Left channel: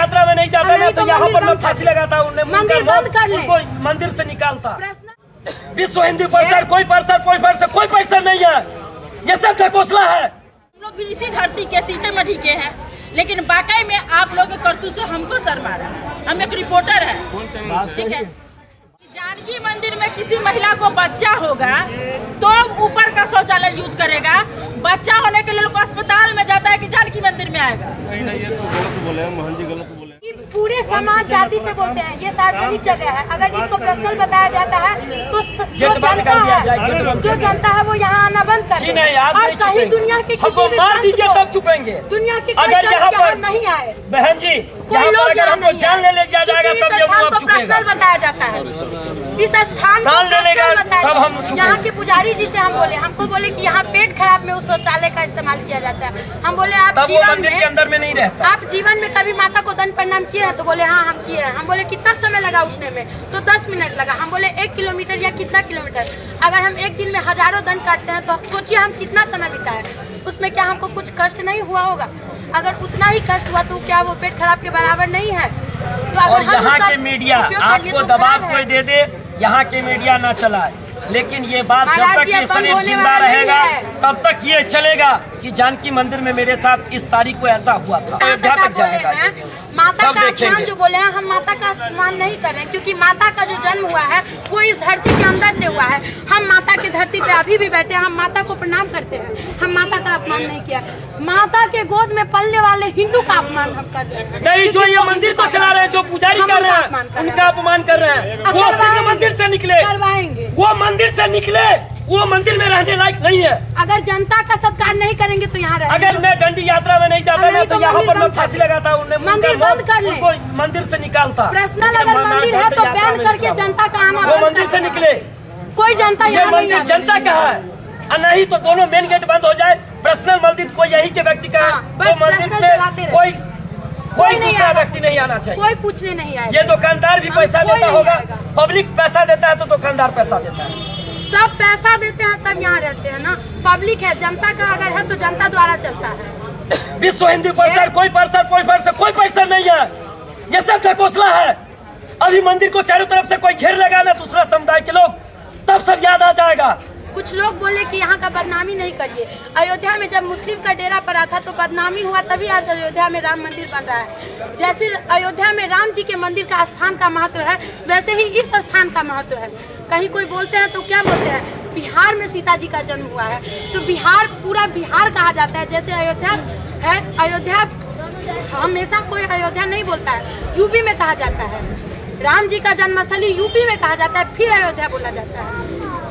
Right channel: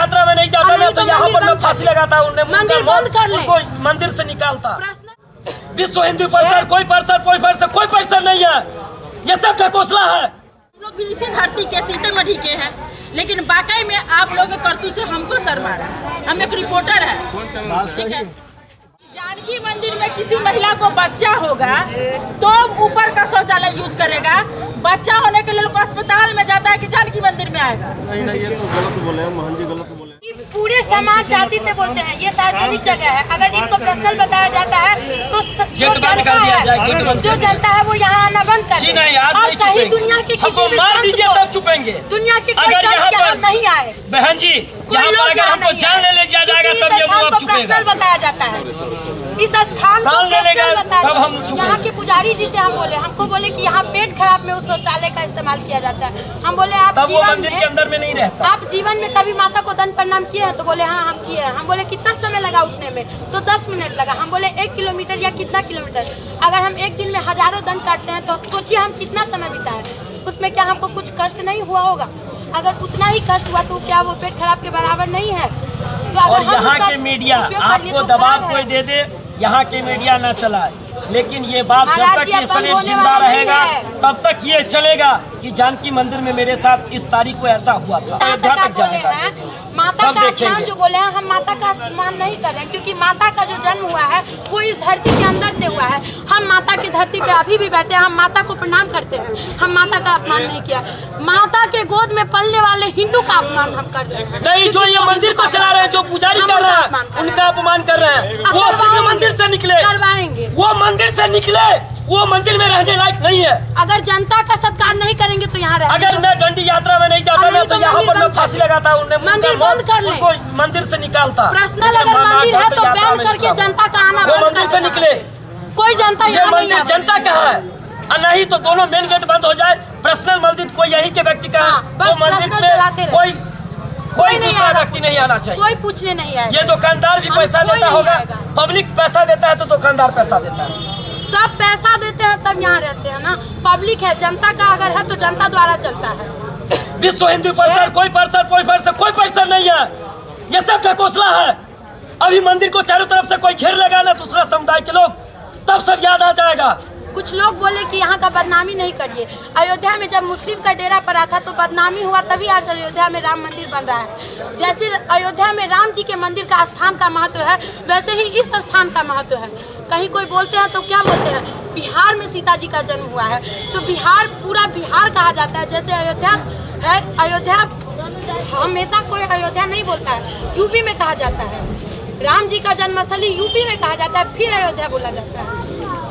यात्रा में नहीं जाता ना तो यहाँ पर मैं फांसी लगाता, उनको मंदिर से निकालता। विश्व हिंदू परिषद कोई परिषद नहीं है, ये सब ढकोसला है। लोग भी इसी धरती के सीतामढ़ी के हैं, लेकिन वाकई में आप लोग के करतूत से हमको शर्मा रहा है। हम एक रिपोर्टर है, ठीक है। जानकी मंदिर में किसी महिला को बच्चा होगा तो ऊपर का शौचालय यूज करेगा, बच्चा होने के लिए लोग अस्पताल में जाता है कि जानकी मंदिर में आएगा। नहीं, ये तो गलत बोले हैं, मोहन जी गलत बोले। पूरे समाज जाति से बोलते हैं, ये सार्वजनिक जगह है। अगर इसको पर्सनल बताया जाता है तो जो जनता है वो यहाँ आना बंद कर दे। और कहीं दुनिया की किसी मार दीजिए तब चुपेंगे। दुनिया की अगर यहाँ पर नहीं आए बहन जी, यहाँ पर अगर हमको जान ले लिया जाएगा तब ये अब चुकेगा। बताया जाता है इस स्थान को तब हम यहाँ के पुजारी जी से हम बोले, हमको बोले कि यहाँ पेट खराब में उस शौचालय का इस्तेमाल किया जाता है। हम बोले आप जीवन के अंदर में नहीं रहता, आप जीवन में कभी माता को दंड प्रणाम किए हैं? तो बोले हाँ हम किए हैं। हम बोले कितना समय लगा उठने में? तो 10 मिनट लगा। हम बोले 1 किलोमीटर या कितना किलोमीटर? अगर हम एक दिन में हजारों दंड काटते हैं तो सोचिए हम कितना समय बिताए, उसमें क्या हमको कुछ कष्ट नहीं हुआ होगा? अगर उतना ही कष्ट हुआ तो क्या वो पेट खराब के बराबर नहीं है? और यहाँ के मीडिया आपको दबाव कोई दे दे, यहाँ के मीडिया न चलाए, लेकिन ये बात जब तक ये शरीर जिंदा रहेगा तब तक ये चलेगा कि जानकी मंदिर में मेरे साथ इस तारीख को ऐसा हुआ था। अयोध्या तक जाएगा, सब देखेंगे। जो बोले हैं हम माता का अपमान नहीं कर रहे हैं, क्योंकि माता का जो जन्म हुआ है वो इस धरती के अंदर से हुआ है। हम माता की धरती पे अभी भी बैठे हैं, हम माता को प्रणाम करते हैं, हम माता का अपमान नहीं किया। माता के गोद में पलने वाले हिंदू का अपमान हम कर रहे हैं। नहीं, जो ये मंदिर को चला रहे हैं, जो पुजारी कर रहे हैं, उनका अपमान कर रहे हैं। वो सिर्फ मंदिर से निकले, करवाएंगे। वो मंदिर से निकले, वो मंदिर में रहने लायक नहीं है। अगर जनता का सत्कार नहीं करेंगे तो यहाँ अगर मैं डंडी यात्रा में नहीं जाता ना तो यहाँ पर मैं फांसी लगाता, उनको मंदिर से निकालता। पर्सनल अगर मंदिर है तो बैन करके जनता का आना, वो मंदिर से निकले। कोई जनता ये मंदिर जनता का है, नहीं तो दोनों मेन गेट बंद हो जाए। पर्सनल मंदिर कोई यही के व्यक्ति का है, तो मंदिर में कोई दूसरा व्यक्ति नहीं आना चाहिए, कोई पूछने नहीं आएगा। ये दुकानदार भी पैसा देता होगा, पब्लिक पैसा देता है तो दुकानदार पैसा देता है, सब पैसा देते हैं तब यहाँ रहते हैं ना। पब्लिक है, जनता का अगर है तो जनता द्वारा चलता है। विश्व हिंदू परिषद कोई परिषद नहीं है, ये सब ढकोसला है। अभी मंदिर को चारों तरफ से कोई घेर लगा ना दूसरा समुदाय के लोग, तब सब याद आ जाएगा। कुछ लोग बोले कि यहाँ का बदनामी नहीं करिए। अयोध्या में जब मुस्लिम का डेरा पड़ा था तो बदनामी हुआ, तभी आज अयोध्या में राम मंदिर बन रहा है। जैसे अयोध्या में राम जी के मंदिर का स्थान का महत्व है, वैसे ही इस स्थान का महत्व है। कहीं कोई बोलते हैं तो क्या बोलते हैं, बिहार में सीता जी का जन्म हुआ है तो बिहार पूरा बिहार कहा जाता है। जैसे अयोध्या है, अयोध्या हमेशा कोई अयोध्या नहीं बोलता है, यूपी में कहा जाता है। राम जी का जन्मस्थली यूपी में कहा जाता है, फिर अयोध्या बोला जाता है।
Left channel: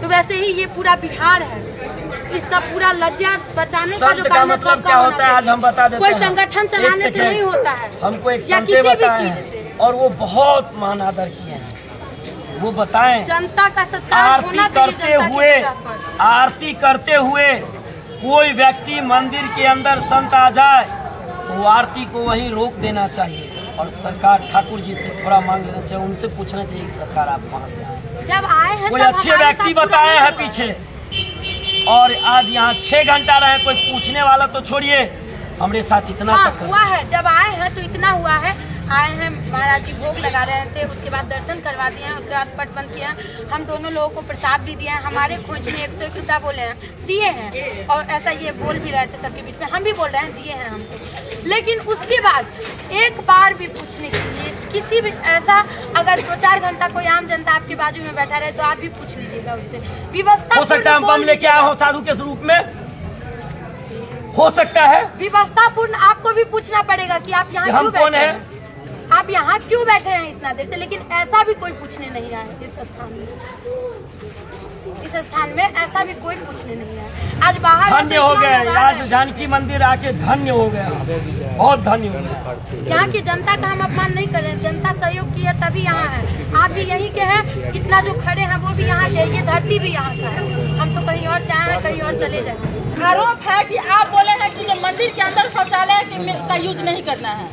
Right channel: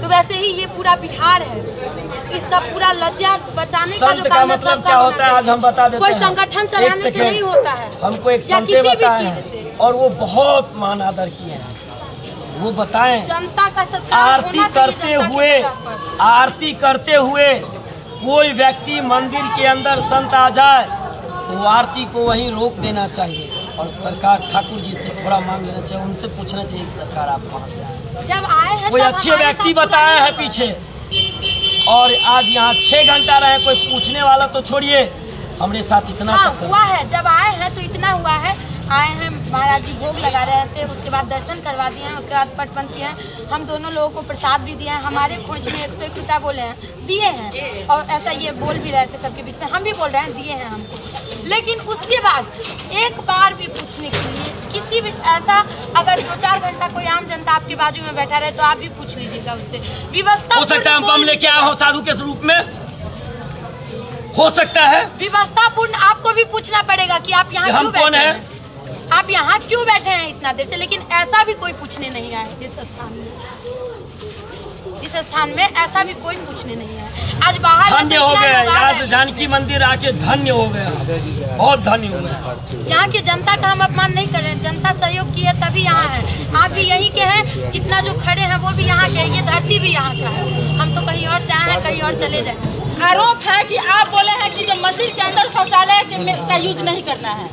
तो वैसे ही ये पूरा बिहार है, इसका पूरा लज्जा बचाने का जो काम मतलब क्या होता है आज हम बता देते हैं। कोई संगठन चलाने से नहीं होता है। हमको एक संत बताए हैं और वो बहुत मान आदर किए हैं, वो बताएं जनता का सत्कार आरती करते हुए कोई व्यक्ति मंदिर के अंदर संत आ जाए तो वो आरती को वहीं रोक देना चाहिए। और सरकार ठाकुर जी से थोड़ा मांग लेना चाहिए, उनसे पूछना चाहिए कि सरकार आप वहाँ से आए, जब आए हैं कोई अच्छे व्यक्ति बताए हैं पीछे। और आज यहाँ 6 घंटा रहे, कोई पूछने वाला तो छोड़िए, हमारे साथ इतना तक हुआ है। जब आए हैं तो इतना हुआ है, आए हैं महाराज जी भोग लगा रहे थे, उसके बाद दर्शन करवा दिए हैं, उसके बाद पट बंद किए हैं। हम दोनों लोगों को प्रसाद भी दिए हैं, हमारे खोज में 101 रुपया बोले हैं, दिए हैं। और ऐसा ये बोल भी रहे थे सबके बीच में, हम भी बोल रहे हैं दिए हैं हमको। लेकिन उसके बाद एक बार भी पूछने के लिए किसी भी ऐसा, अगर 2-4 घंटा कोई आम जनता आपके बाजू में बैठा रहे तो आप भी पूछ लीजिएगा उससे। व्यवस्था हो सकता है हम बम लेके आए हो साधु के स्वरूप में, हो सकता है व्यवस्थापूर्ण आपको भी पूछना पड़ेगा कि आप यहाँ क्यों बैठे हैं, आप यहाँ क्यों बैठे हैं इतना देर से। लेकिन ऐसा भी कोई पूछने नहीं आया इस स्थान में, ऐसा भी कोई पूछने नहीं आया। आज बाहर धन्य हो गए, आज जानकी मंदिर आके धन्य हो गया, बहुत धन्य हो गया। यहाँ की जनता का हम अपमान नहीं कर रहे हैं, जनता सहयोग की है तभी यहाँ है। आप भी यहीं के हैं, इतना जो खड़े हैं वो भी यहाँ के, ये धरती भी यहाँ का है। हम तो कहीं और से आए हैं, कहीं और चले जाए। आरोप है कि आप बोले हैं कि जो मंदिर के अंदर शौचालय का यूज नहीं करना है।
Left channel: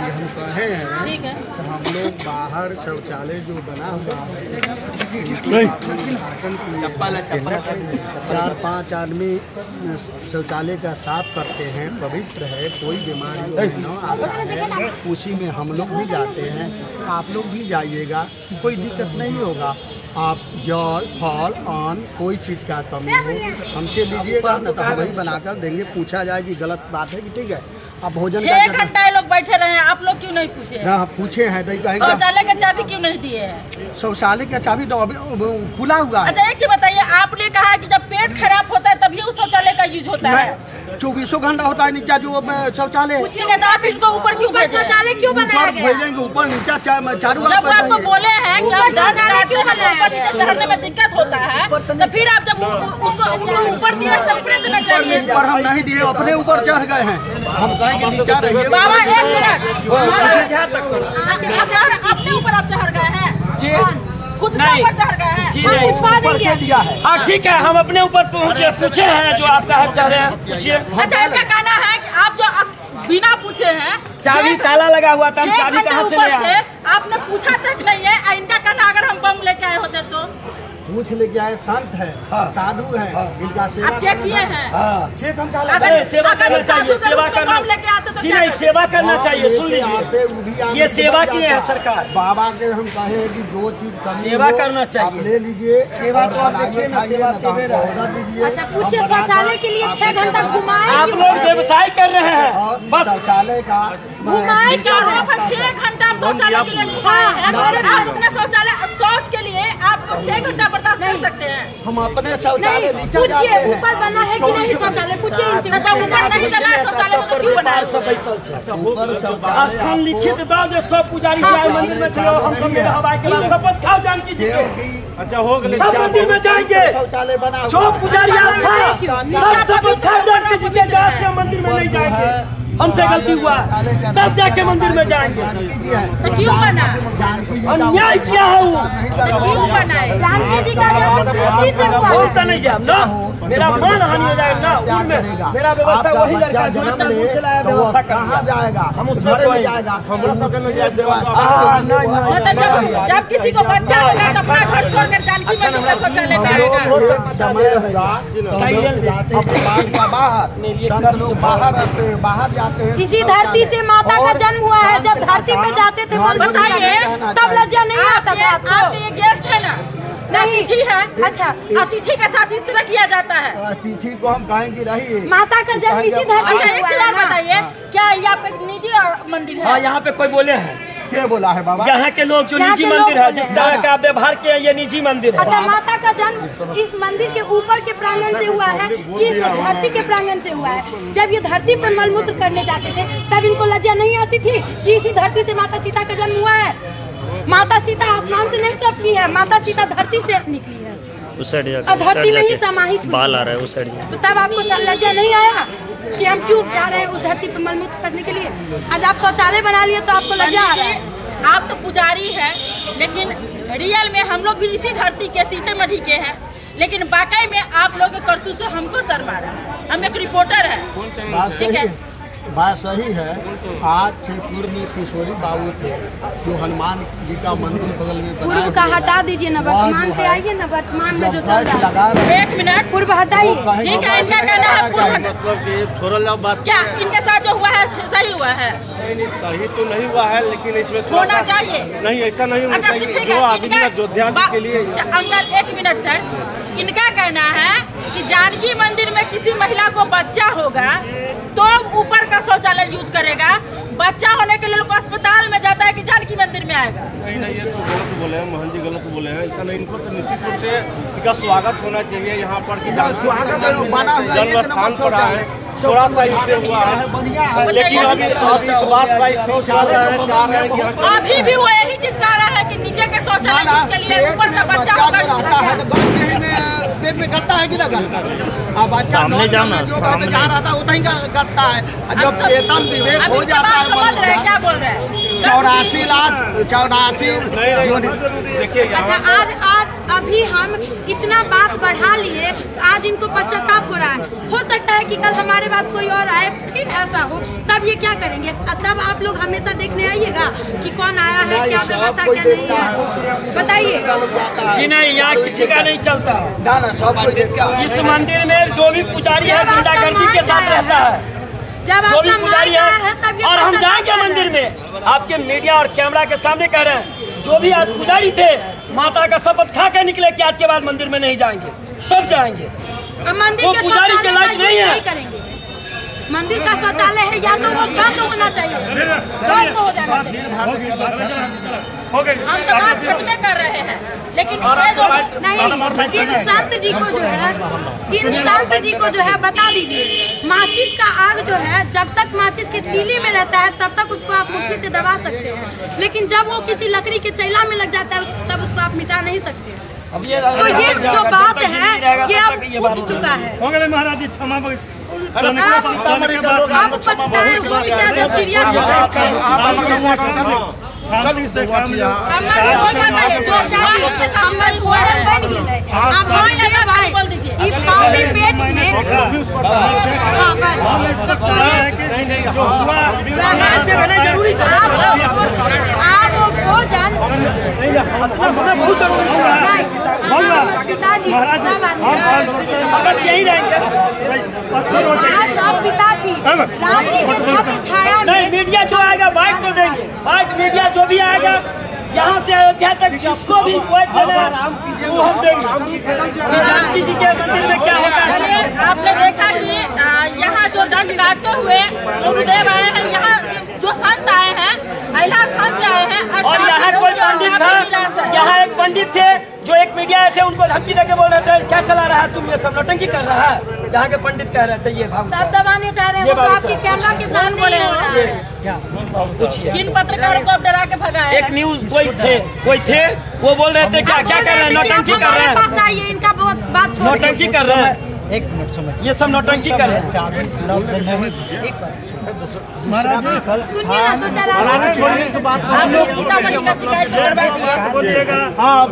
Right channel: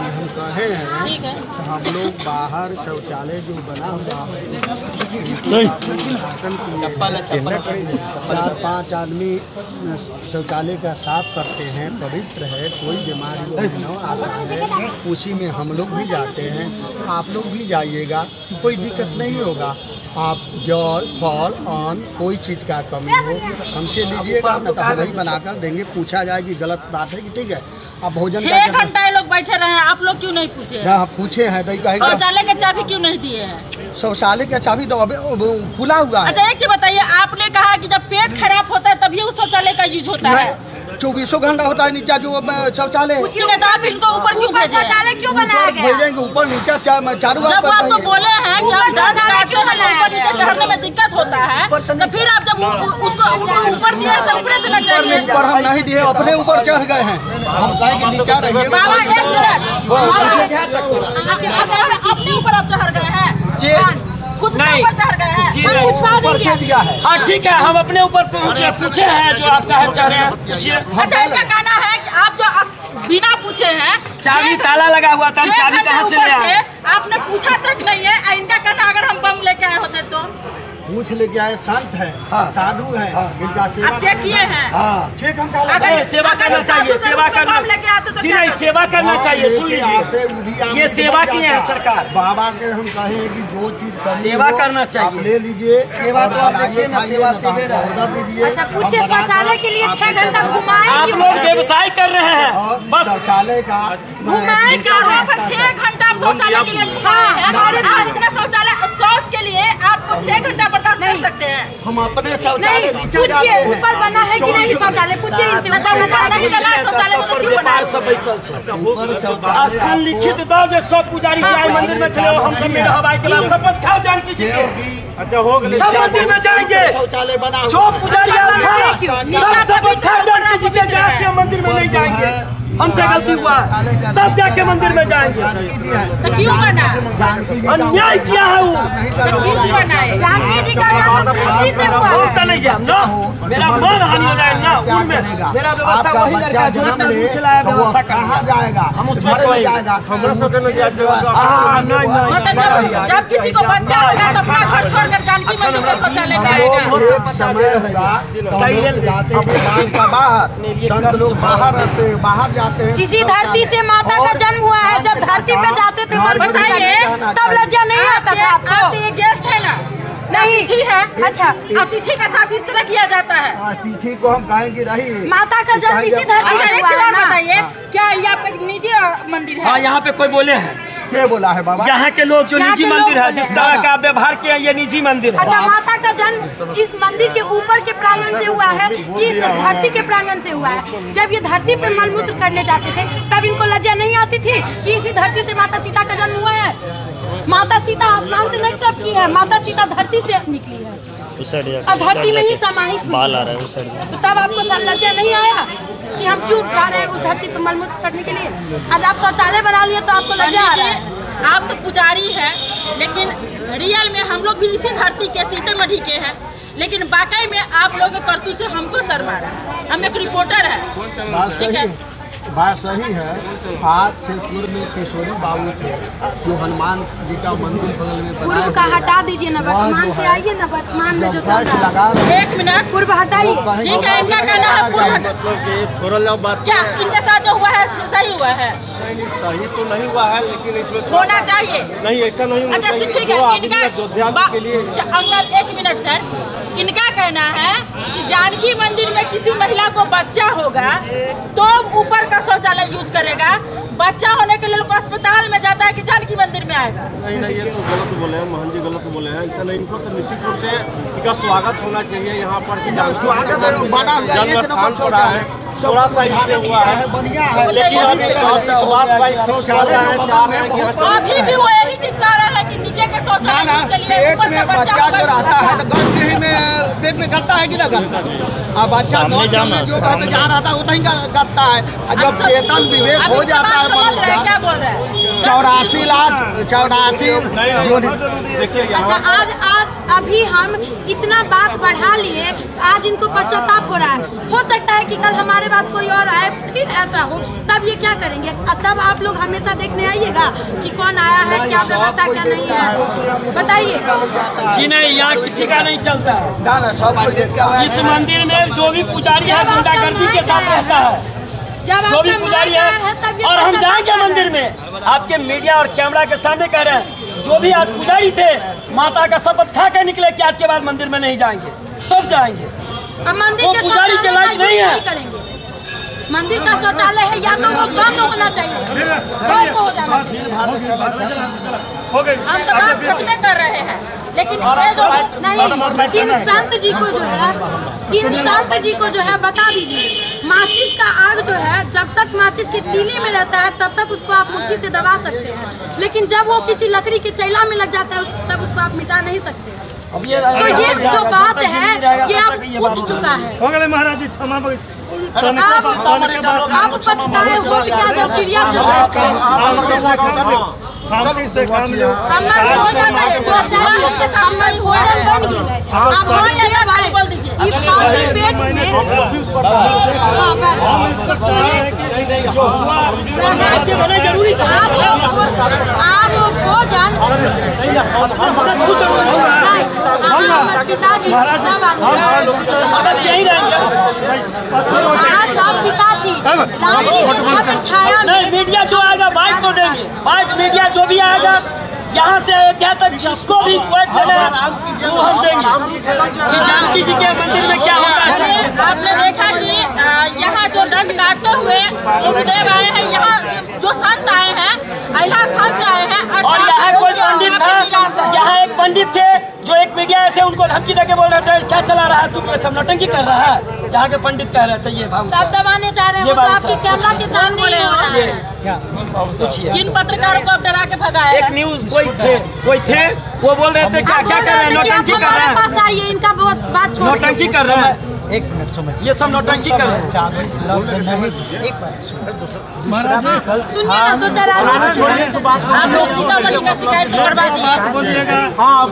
जी हम कहे हैं ठीक है। तो हम लोग बाहर शौचालय जो बना हुआ है चार पांच आदमी शौचालय का साफ करते हैं, पवित्र है, कोई बीमारी न आता है, उसी में हम लोग भी जाते हैं, आप लोग भी जाइएगा, कोई दिक्कत नहीं होगा। आप जल फल अन्न कोई चीज़ का कमी हो हमसे लीजिएगा, न तो हम वही बनाकर देंगे। पूछा जाए कि गलत बात है कि ठीक है आप भोजन 6 घंटा ये लोग बैठे रहे हैं, आप लोग क्यों नहीं पूछे? ना पूछे हैं तो कहेंगे शौचालय के चाबी क्यों नहीं दिए हैं? शौचालय का चाबी तो अभी खुला हुआ है। अच्छा एक चीज बताइए, आपने कहा कि जब पेट खराब होता है तभी उस शौचालय का यूज होता है। 24 घंटा होता है नीचा जो शौचालय, आप इनको ऊपर क्यों भेजे? शौचालय क्यों बनाया गया? भेजेंगे ऊपर नीचा चारों जब आपको बोले हैं कि हम दर्द काटते हैं तो ऊपर नीचे चढ़ने में दिक्कत होता है, तो फिर आप जब उसको ऊपर दिए तो ऊपर देना चाहिए। ऊपर हम नहीं दिए, अपने ऊपर चढ़ गए हैं। हम कहेंगे नीचा रहिए। बाबा एक मिनट, अपने ऊपर आप चढ़ गए हैं, खुद से ऊपर चढ़ गए हैं। जी नहीं, हाँ ठीक है, हम अपने ऊपर पूछे हैं जो आप चाह रहे हैं पूछिए। अच्छा इनका कहना है कि आप जो बिना पूछे हैं, चाबी ताला लगा हुआ था, चाबी कहाँ से ले आए? आपने पूछा तक नहीं है। इनका कहना अगर हम बम लेके आए होते तो पूछ लेके आए, संत है, साधु है, इनका सेवा आप चेक किए हैं? चेक हम अगर सेवा करना चाहिए, सेवा करना लेके आते तो जी नहीं, सेवा करना चाहिए। सुन लीजिए, ये सेवा किए हैं सरकार। बाबा के हम कहे हैं कि जो चीज सेवा करना चाहिए, ले लीजिए। सेवा तो आप देखिए ना, सेवा से अच्छा पूछिए, शौचालय के लिए 6 घंटा घुमाए? आप लोग व्यवसाय कर रहे हैं बस। शौचालय का घुमाए क्या हो? 6 घंटा आप शौचालय के लिए घुमाए हैं। आप इतना शौचालय शौच के लिए आपको 6 घंटा बर्दाश्त कर सकते हैं? हम अपने शौचालय नीचे जाते पूछिए हैं। ऊपर बना है कि नहीं शौचालय? पूछिए इनसे। ऊपर नहीं बना है शौचालय में तो क्यों बना है? ऊपर शौचालय स्थान लिखित दो जो सब पुजारी जाए मंदिर में चलो, हम सब मेरे हवाई के बाद शपथ खाओ जानकी जी के। अच्छा हो गए, तब मंदिर में जाएंगे। शौचालय बना जो पुजारी सब शपथ खाओ जानकी जी के, जहाँ से मंदिर में नहीं जाएंगे। हमसे गलती हुआ तब जाके मंदिर में जाएंगे। तो क्यों बना? अन्याय किया है वो, तो क्यों बना है? जानकी जी का नाम तो धरती से हुआ है। होता नहीं है ना, मेरा मान हानि हो जाए ना, उनमें मेरा व्यवस्था वही लड़का जन्म ले तो वो कहाँ जाएगा? हम उसमें घर में जाएगा। मतलब जब किसी को बच्चा होगा तो अपना घर छोड़कर जानकी मंदिर के शौचालय में आएगा। एक समय हुआ तो हम लोग जाते थे बाल का बाहर, संत लोग बाहर रहते, बाहर जाते हैं। किसी धरती से माता का जन्म हुआ है, जब धरती पे जाते थे बताइए, तब लज्जा नहीं आता था आप आपको? ये गेस्ट है ना, अतिथि है। अच्छा, अतिथि के साथ इस तरह किया जाता है। अतिथि को हम कहेंगे रही माता का जन्म इसी धरती अच्छा से एक हुआ चीज है और ना? बताइए, क्या ये आपका निजी मंदिर हाँ है? यहाँ पे कोई बोले हैं? क्या बोला है बाबा? यहाँ के लोग जो यहाँ निजी के मंदिर लोग है, जिस बोले तरह का आप व्यवहार किए ये निजी मंदिर है। अच्छा, माता का जन्म इस मंदिर के ऊपर के प्रांगण से हुआ है कि इस धरती के प्रांगण से हुआ है? जब ये धरती पे मलमूत्र करने जाते थे तब इनको लज्जा नहीं आती थी कि इसी धरती से माता सीता का जन्म हुआ है? माता सीता आसमान से नहीं टपकी है, माता सीता धरती से निकली है और धरती में ही समाहित हुई। बाल आ रहा है उस साइड में। तो तब आपको लज्जा नहीं आएगा कि हम क्यों जा रहे हैं उस धरती पे मलमूत्र करने के लिए? आज आप शौचालय बना लिए तो आपको लज्जा आ रहा है? आप तो पुजारी हैं, लेकिन रियल में हम लोग भी इसी धरती के सीतामढ़ी के हैं, लेकिन वाकई में आप लोग के करतूत से हमको शर्मा रहा है। हम एक रिपोर्टर है, ठीक है? बात सही है। आज शेखपुर में किशोरी बाबू थे जो हनुमान जी का मंदिर बगल में बनाए पूर्व का हटा दीजिए ना, वर्तमान पे आइए ना, वर्तमान में जो चल रहा लगा रहे एक मिनट, पूर्व हटाइए। ठीक है, इनका कहना है छोड़ल जाओ बात। क्या इनके साथ जो हुआ है सही हुआ है? नहीं सही तो नहीं हुआ है, लेकिन इसमें थोड़ा होना सा चाहिए। नहीं, ऐसा नहीं होना अच्छा चाहिए। ठीक जो है, आदमी अयोध्या जी के लिए अंकल एक मिनट सर, इनका कहना है कि जानकी मंदिर में किसी महिला को बच्चा होगा तो ऊपर का शौचालय यूज करेगा, बच्चा होने के लिए लोग अस्पताल में जाता है कि जानकी मंदिर में आएगा। नहीं ये तो गलत बोले हैं, मोहन जी गलत बोले हैं। ऐसा नहीं, इनको तो निश्चित रूप से इनका स्वागत होना चाहिए यहाँ पर कि जानकी जन्म स्थान पर आए, थोड़ा सा इससे हुआ है, लेकिन अभी इस बात का अफसोस कर रहे हैं, चाह रहे हैं कि अभी भी वो यही चीज कह रहा है कि नीचे के शौचालय यूज के लिए ऊपर का बच्चा होगा। पेट में गत्ता है कि ना गत्ता? अब सामने जाओ ना, सामने जहाँ रहता है उतना ही गत्ता है। जब चेतन विवेक हो जाता है समझ रहे हैं क्या बोल रहे हैं? 84 लाख 84। देखिए अच्छा, आज अभी हम इतना बात बढ़ा लिए, आज इनको पश्चाताप हो रहा है। हो सकता है कि कल हमारे बाद कोई और आए, फिर ऐसा हो, तब ये क्या करेंगे? तब आप लोग हमेशा देखने आइएगा कि कौन आया है, क्या व्यवस्था, क्या नहीं है, बताइए। जी नहीं, यहाँ किसी का नहीं चलता। सब कोई इस मंदिर में जो भी पुजारी है गुंडागर्दी के साथ रहता है, जब जो भी आपका पुजारी माइक आया है तब ये और हम पश्चाताप जाएंगे कर रहे मंदिर हैं। में, आपके मीडिया और कैमरा के सामने कह रहे हैं, जो भी आज पुजारी थे माता का शपथ खा कर निकले कि आज के बाद मंदिर में नहीं जाएंगे, तब जाएंगे। अब मंदिर वो के पुजारी के शौचालय लायक का नहीं यूज है। नहीं करेंगे। मंदिर का शौचालय है, या तो वो बंद होना चाहिए, बंद हो जाना चाहिए। हम तो बात खत्म कर रहे हैं, लेकिन ये जो नहीं, इन संत जी को जो है, इन संत जी को जो है बता दीजिए, माचिस का आग जो है, जब तक माचिस की तीली में रहता है तब तक उसको आप मुट्ठी से दबा सकते हैं, लेकिन जब वो किसी लकड़ी के चैला में लग जाता है तब उसको आप मिटा नहीं सकते। अब ये तो ये जो बात है ये अब उठ चुका है। हो गए महाराज जी, क्षमा आप पछताए हो क्या जब चिड़िया चुप है? शांति से काम लो। कमला हो जाता है, जो चाहे के सामने हो होटल है। बन गई है। आप अब हाँ या ना भाई खाली बोल दीजिए। इस खाली पेट में हाँ, बस। हम इसको चाह रहे हैं कि जो हुआ जरूरी आप भोजन पिताजी बस यही रहेंगे। सब पिताजी लाल जी के छत्र छाया में नहीं, मीडिया जो आएगा वाइट को देंगे, वाइट मीडिया जो भी आएगा यहाँ से अयोध्या तक जिसको भी वाइट देना वो हम देंगे कि जानकी जी के मंदिर में क्या होता है। चलिए, आपने देखा कि यहाँ जो दंड काटते हुए गुरुदेव आए हैं, यहाँ जो संत आए हैं अहिला स्थान से आए हैं, और यहाँ कोई पंडित था, यहाँ एक पंडित थे जो एक मीडिया आए थे, उनको धमकी देके बोल रहे थे क्या चला रहा है तुम, ये सब नौटंकी कर रहा है। यहाँ के पंडित कह रहे थे ये भाव सब दबाने चाह रहे हैं, वो तो आपके कैमरा के सामने बोले ही हो रहा है। पूछिए। जिन पत्रकारों को अब डरा के भगाया एक है। न्यूज कोई थे वो बोल रहे थे क्या आप क्या बोल कर रहे रहे हैं, थे कि नौटंकी आप कर रहे हमारे हैं, पास आइए, इनका बहुत बात छोड़ नौटंकी कर रहे हैं, एक मिनट समझ, ये सब नौटंकी कर रहे हैं। एक बार सुनिए ना, दो चार आदमी आप लोग सीतामढ़ी का शिकायत तो करवा दिए। बोलिएगा। आप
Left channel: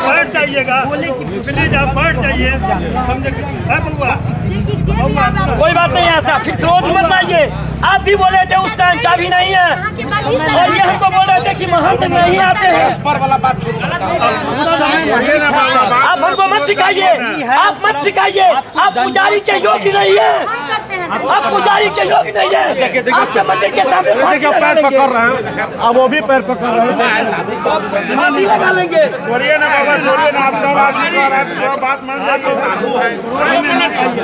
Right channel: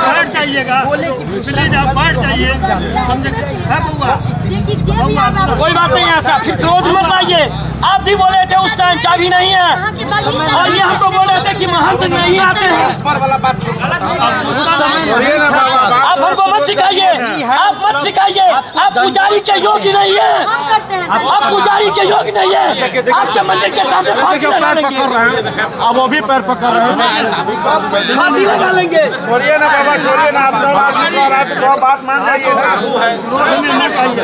बैठ जाइएगा, प्लीज आप बैठ जाइए। समझे देखिए जे भी आना कोई बात नहीं है ऐसा, फिर क्रोध मत आइए। आप भी बोले थे उस टाइम चाबी नहीं है, और ये हमको बोल रहे थे कि महंत नहीं आते हैं। आप हमको मत सिखाइए, आप मत सिखाइए, आप पुजारी के योग्य नहीं है, करते हैं। आप पुजारी के योग्य नहीं है। आपके मंदिर के सामने फांसी लगा लेंगे, अब वो भी पैर पकड़ रहे हैं। फांसी लगा लेंगे। छोड़िए ना बाबा, छोड़िए ना, आप बात मान जाइए। रोड में मत आइए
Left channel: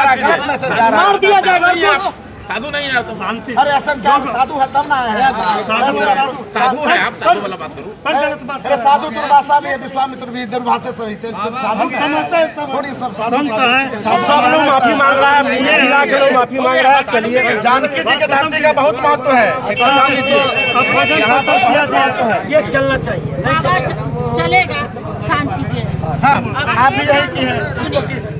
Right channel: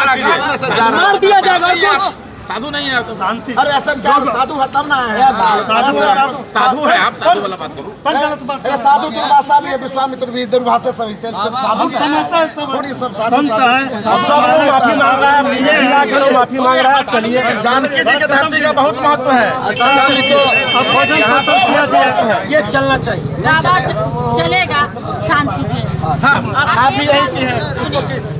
मार दिया जाएगा और कुछ साधु नहीं है तो शांति। अरे ऐसा क्या साधु है तब ना है। साधु है, आप साधु वाला बात करो। पर गलत बात अरे साधु दुर्वासा भी है, विश्वामित्र भी, दुर्वासा सभी थे। साधु हम समझते हैं, सब थोड़ी सब साधु संत है। सब लोग माफी मांग रहा है, मीडिया के लोग माफी मांग रहा है। चलिए, जानकी जी के धरती का बहुत महत्व है। अब भोजन खत्म किया जाए। ये चलना चाहिए, नहीं बाबा चलेगा। चलेगा, शांत कीजिए। हाँ, आप भी यही की है। सुनिए,